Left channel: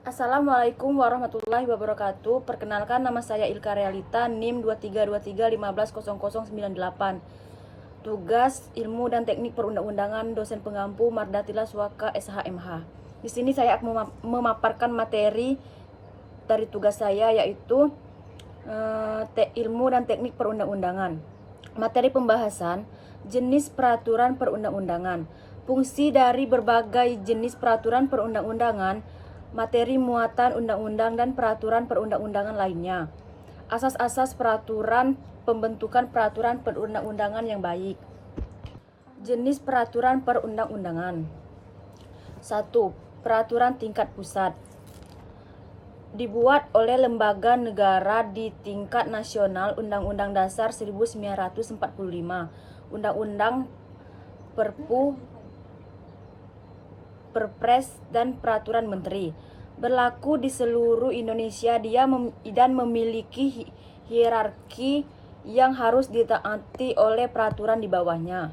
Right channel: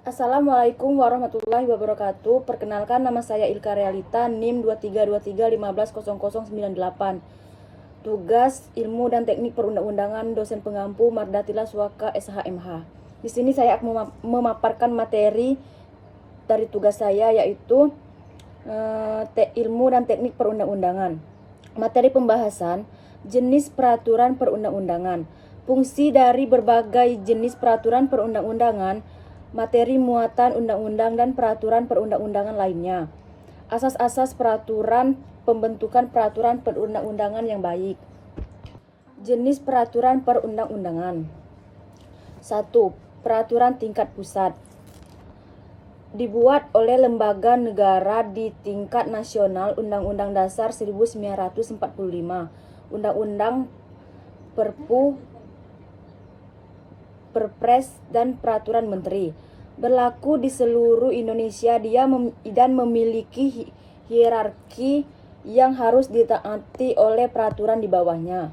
Assalamualaikum warahmatullahi wabarakatuh. Perkenalkan, nama saya Ilka Realita, NIM 2323150098. Tugas Ilmu dan Teknik Perundang-undangan, dosen pengampu Mardatila Suaka SHMH. Di sini saya akan memaparkan materi dari tugas saya, yaitu Ilmu dan Teknik Perundang-undangan. Materi pembahasan, jenis peraturan perundang-undangan. Fungsi dari berbagai jenis peraturan perundang-undangan, materi muatan undang-undang dan peraturan perundang-undangan lainnya. Asas-asas peraturan, pembentukan peraturan perundang-undangan yang baik. Jenis peraturan perundang-undangan. 1. Peraturan tingkat pusat. Dibuat oleh lembaga negara di tingkat nasional, Undang-Undang Dasar 1945, Undang-Undang, Perpu, Perpres, dan Peraturan Menteri. Berlaku di seluruh Indonesia dan memiliki hierarki yang harus ditaati oleh peraturan di bawahnya.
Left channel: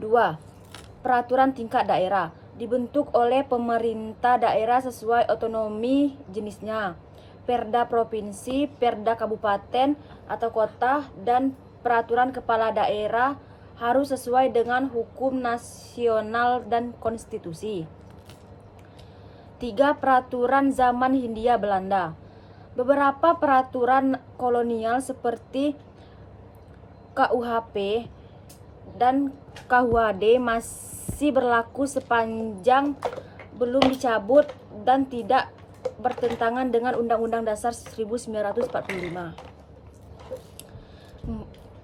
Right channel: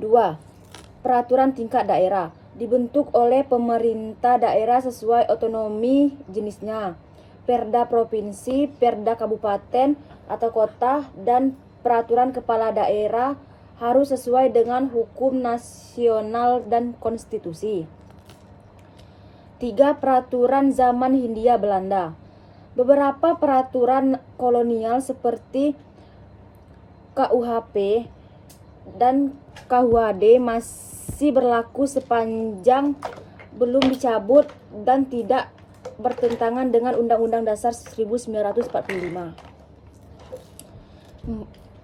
2. Peraturan tingkat daerah. Dibentuk oleh pemerintah daerah sesuai otonomi jenisnya. Perda provinsi, perda kabupaten atau kota, dan peraturan kepala daerah harus sesuai dengan hukum nasional dan konstitusi. 3. Peraturan zaman Hindia Belanda. Beberapa peraturan kolonial seperti KUHP dan KUHD masih berlaku sepanjang belum dicabut dan tidak bertentangan dengan Undang-Undang Dasar 1945.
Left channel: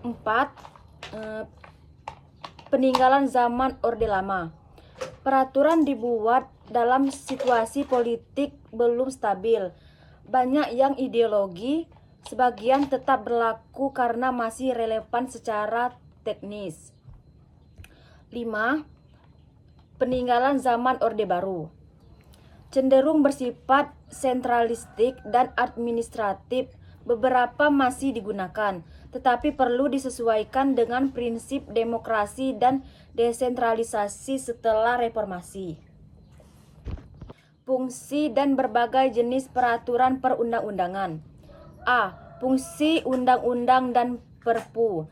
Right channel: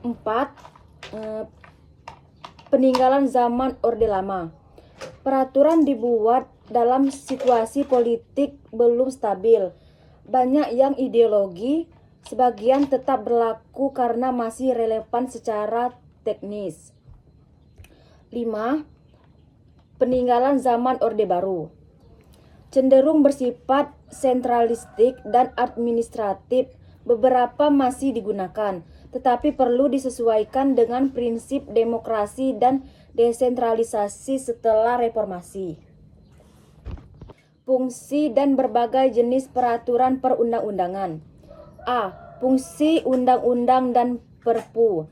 4. Peninggalan zaman Orde Lama. Peraturan dibuat dalam situasi politik belum stabil. Banyak yang ideologi, sebagian tetap berlaku karena masih relevan secara teknis. 5. Peninggalan zaman Orde Baru. Cenderung bersifat sentralistik dan administratif. Beberapa masih digunakan, tetapi perlu disesuaikan dengan prinsip demokrasi dan desentralisasi setelah reformasi. Fungsi dan berbagai jenis peraturan perundang-undangan. A. Fungsi undang-undang dan perpu.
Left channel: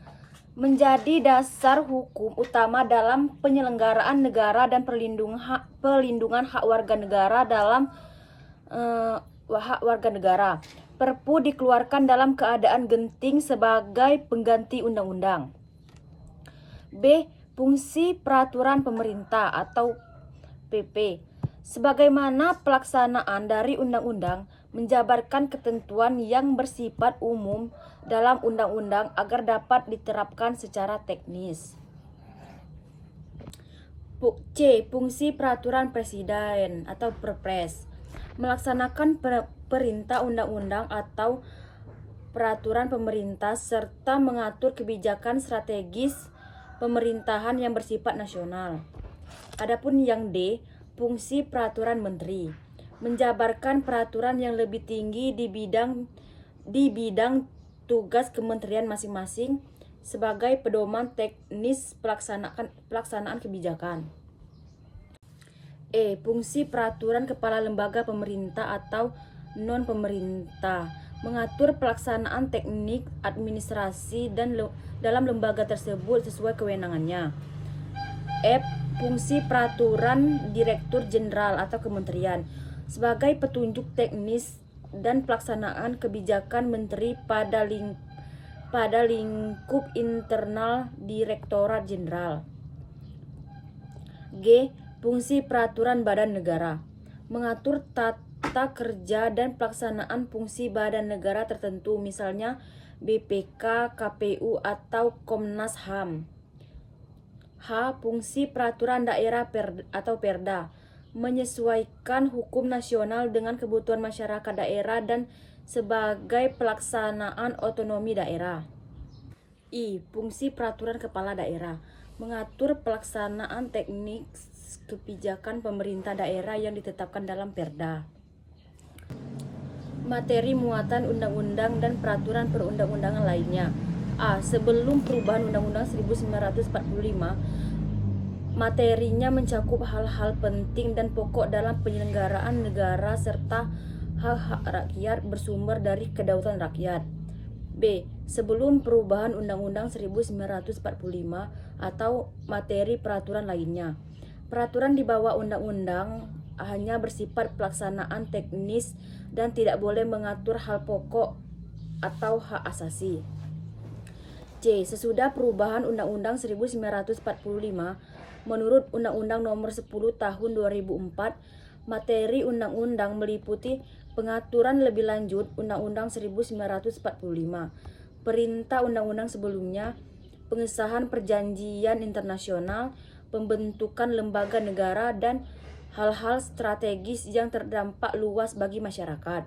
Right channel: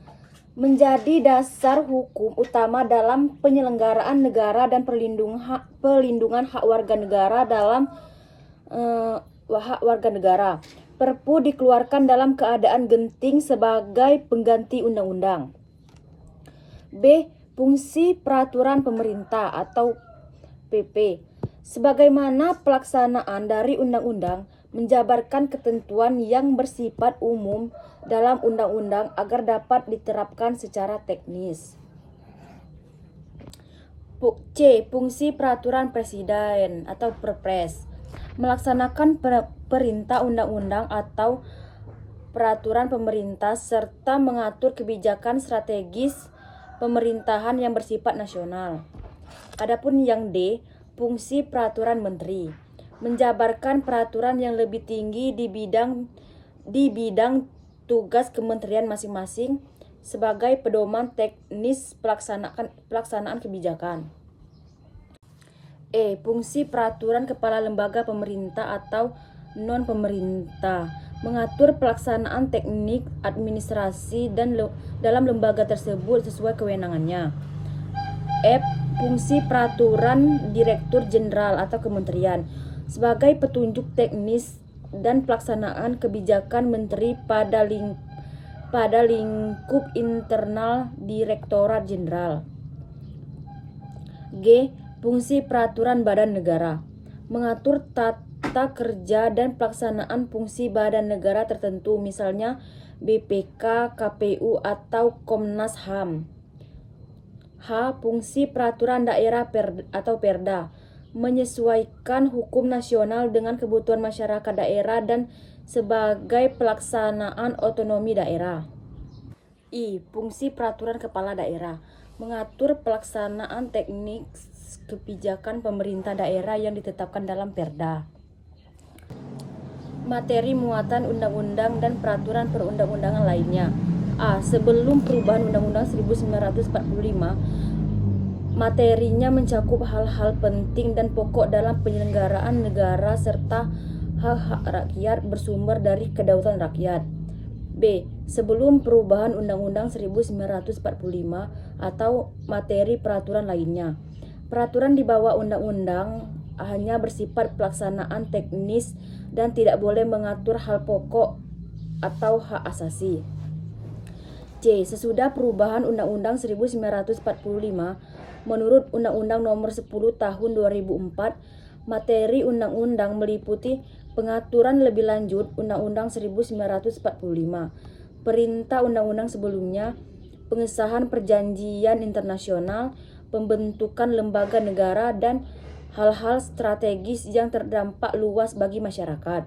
Menjadi dasar hukum utama dalam penyelenggaraan negara dan perlindungan hak warga negara dalam hak warga negara. Perpu dikeluarkan dalam keadaan genting sebagai pengganti undang-undang. B. Fungsi peraturan pemerintah atau PP. Sebagaimana pelaksanaan dari undang-undang, menjabarkan ketentuan yang bersifat umum dalam undang-undang agar dapat diterapkan secara teknis. C. Fungsi peraturan presiden atau Perpres. Melaksanakan perintah undang-undang atau peraturan pemerintah serta mengatur kebijakan strategis pemerintahan yang bersifat nasional. Adapun yang D, fungsi peraturan menteri. Menjabarkan peraturan yang lebih tinggi di bidang tugas kementerian masing-masing sebagai pedoman teknis pelaksanaan kebijakan. E. Fungsi peraturan kepala lembaga pemerintah atau non-pemerintah. Mengatur pelaksanaan teknik administrasi dan dalam lembaga tersebut sesuai kewenangannya. F. Fungsi peraturan Direktur Jenderal atau Kementerian. Sebagai petunjuk teknis dan pelaksanaan kebijakan menteri pada lingkup internal Direktorat Jenderal. G. Fungsi peraturan badan negara. Mengatur tata kerja dan pelaksanaan fungsi badan negara tertentu, misalnya BPK, KPU, atau Komnas HAM. H. Fungsi peraturan daerah atau Perda. Menyesuaikan hukum nasional dengan kebutuhan masyarakat daerah dan sebagai pelaksanaan otonomi daerah. I. Fungsi peraturan kepala daerah. Mengatur pelaksanaan teknik kebijakan pemerintah daerah yang ditetapkan dalam Perda. Materi muatan undang-undang dan peraturan perundang-undangan lainnya. A. Sebelum perubahan Undang-Undang 1945, Materinya mencakup hal-hal penting dan pokok dalam penyelenggaraan negara serta hak-hak rakyat bersumber dari kedaulatan rakyat. B. Sebelum perubahan Undang-Undang 1945 atau materi peraturan lainnya. Peraturan di bawah undang-undang hanya bersifat pelaksanaan teknis dan tidak boleh mengatur hal pokok atau hak asasi. C. Sesudah perubahan Undang-Undang 1945, menurut Undang-Undang Nomor 10 Tahun 2004, materi undang-undang meliputi pengaturan lebih lanjut Undang-Undang 1945, perintah undang-undang sebelumnya, pengesahan perjanjian internasional, pembentukan lembaga negara, dan hal-hal strategis yang terdampak luas bagi masyarakat.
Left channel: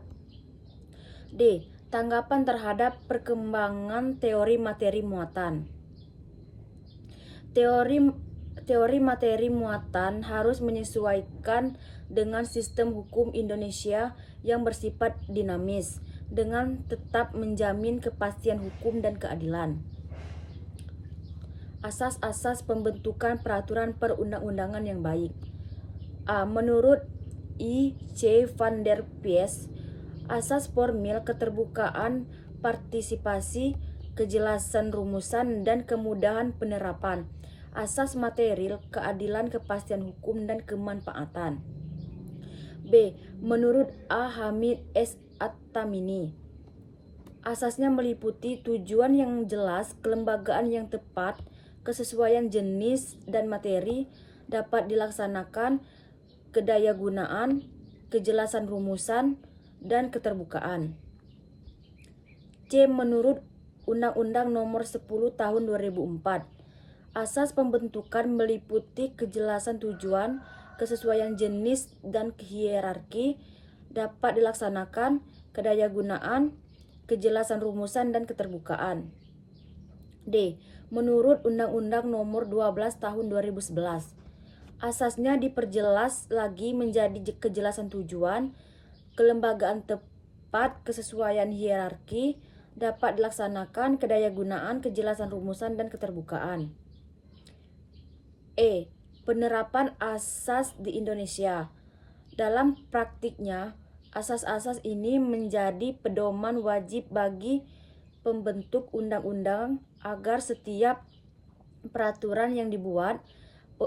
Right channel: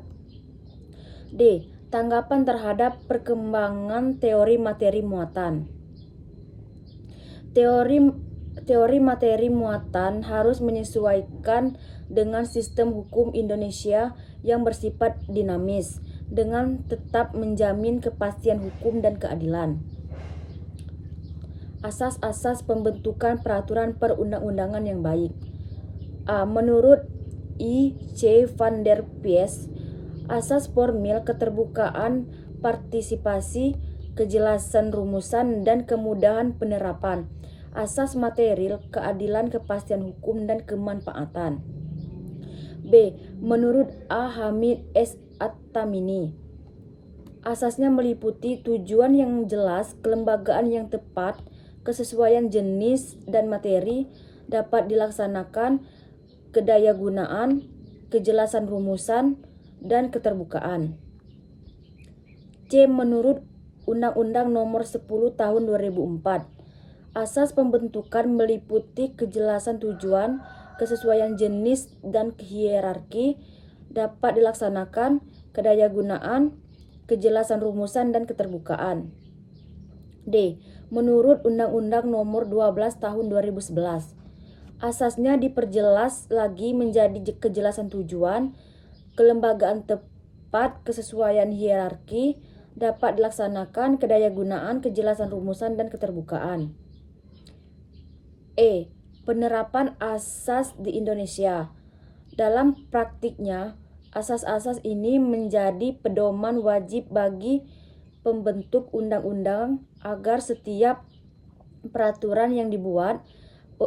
D. Tanggapan terhadap perkembangan teori materi muatan. Teori materi muatan harus menyesuaikan dengan sistem hukum Indonesia yang bersifat dinamis, dengan tetap menjamin kepastian hukum dan keadilan. Asas-asas pembentukan peraturan perundang-undangan yang baik. A. Menurut I. C. van der Pies, asas formil keterbukaan, partisipasi, kejelasan rumusan, dan kemudahan penerapan. Asas material, keadilan, kepastian hukum, dan kemanfaatan. B. Menurut A. Hamid S. At-Tamimi, asasnya meliputi tujuan yang jelas, kelembagaan yang tepat, kesesuaian jenis dan materi, dapat dilaksanakan, kedayagunaan, kejelasan rumusan, dan keterbukaan. C. Menurut Undang-Undang Nomor 10 Tahun 2004, asas pembentukan meliputi kejelasan tujuan, kesesuaian jenis, dan hierarki, dapat dilaksanakan, kedayagunaan, kejelasan rumusan, dan keterbukaan. D. Menurut Undang-Undang Nomor 12 Tahun 2011, asasnya diperjelas lagi menjadi kejelasan tujuan, kelembagaan tepat, kesesuaian hierarki, dapat dilaksanakan, kedayagunaan, kejelasan rumusan, dan keterbukaan. E. Penerapan asas di Indonesia. Dalam praktiknya, asas-asas ini menjadi pedoman wajib bagi pembentuk undang-undang agar setiap peraturan yang dibuat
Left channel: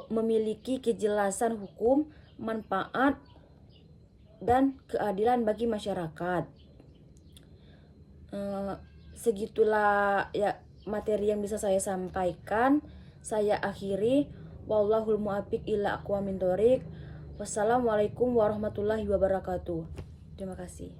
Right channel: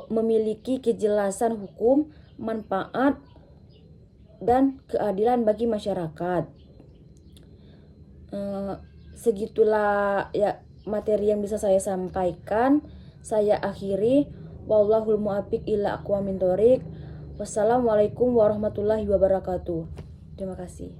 memiliki kejelasan hukum, manfaat, dan keadilan bagi masyarakat. Segitulah ya materi yang bisa saya sampaikan. Saya akhiri. Wallahul muwaffiq ila aqwamit thoriq. Wassalamualaikum warahmatullahi wabarakatuh. Terima kasih.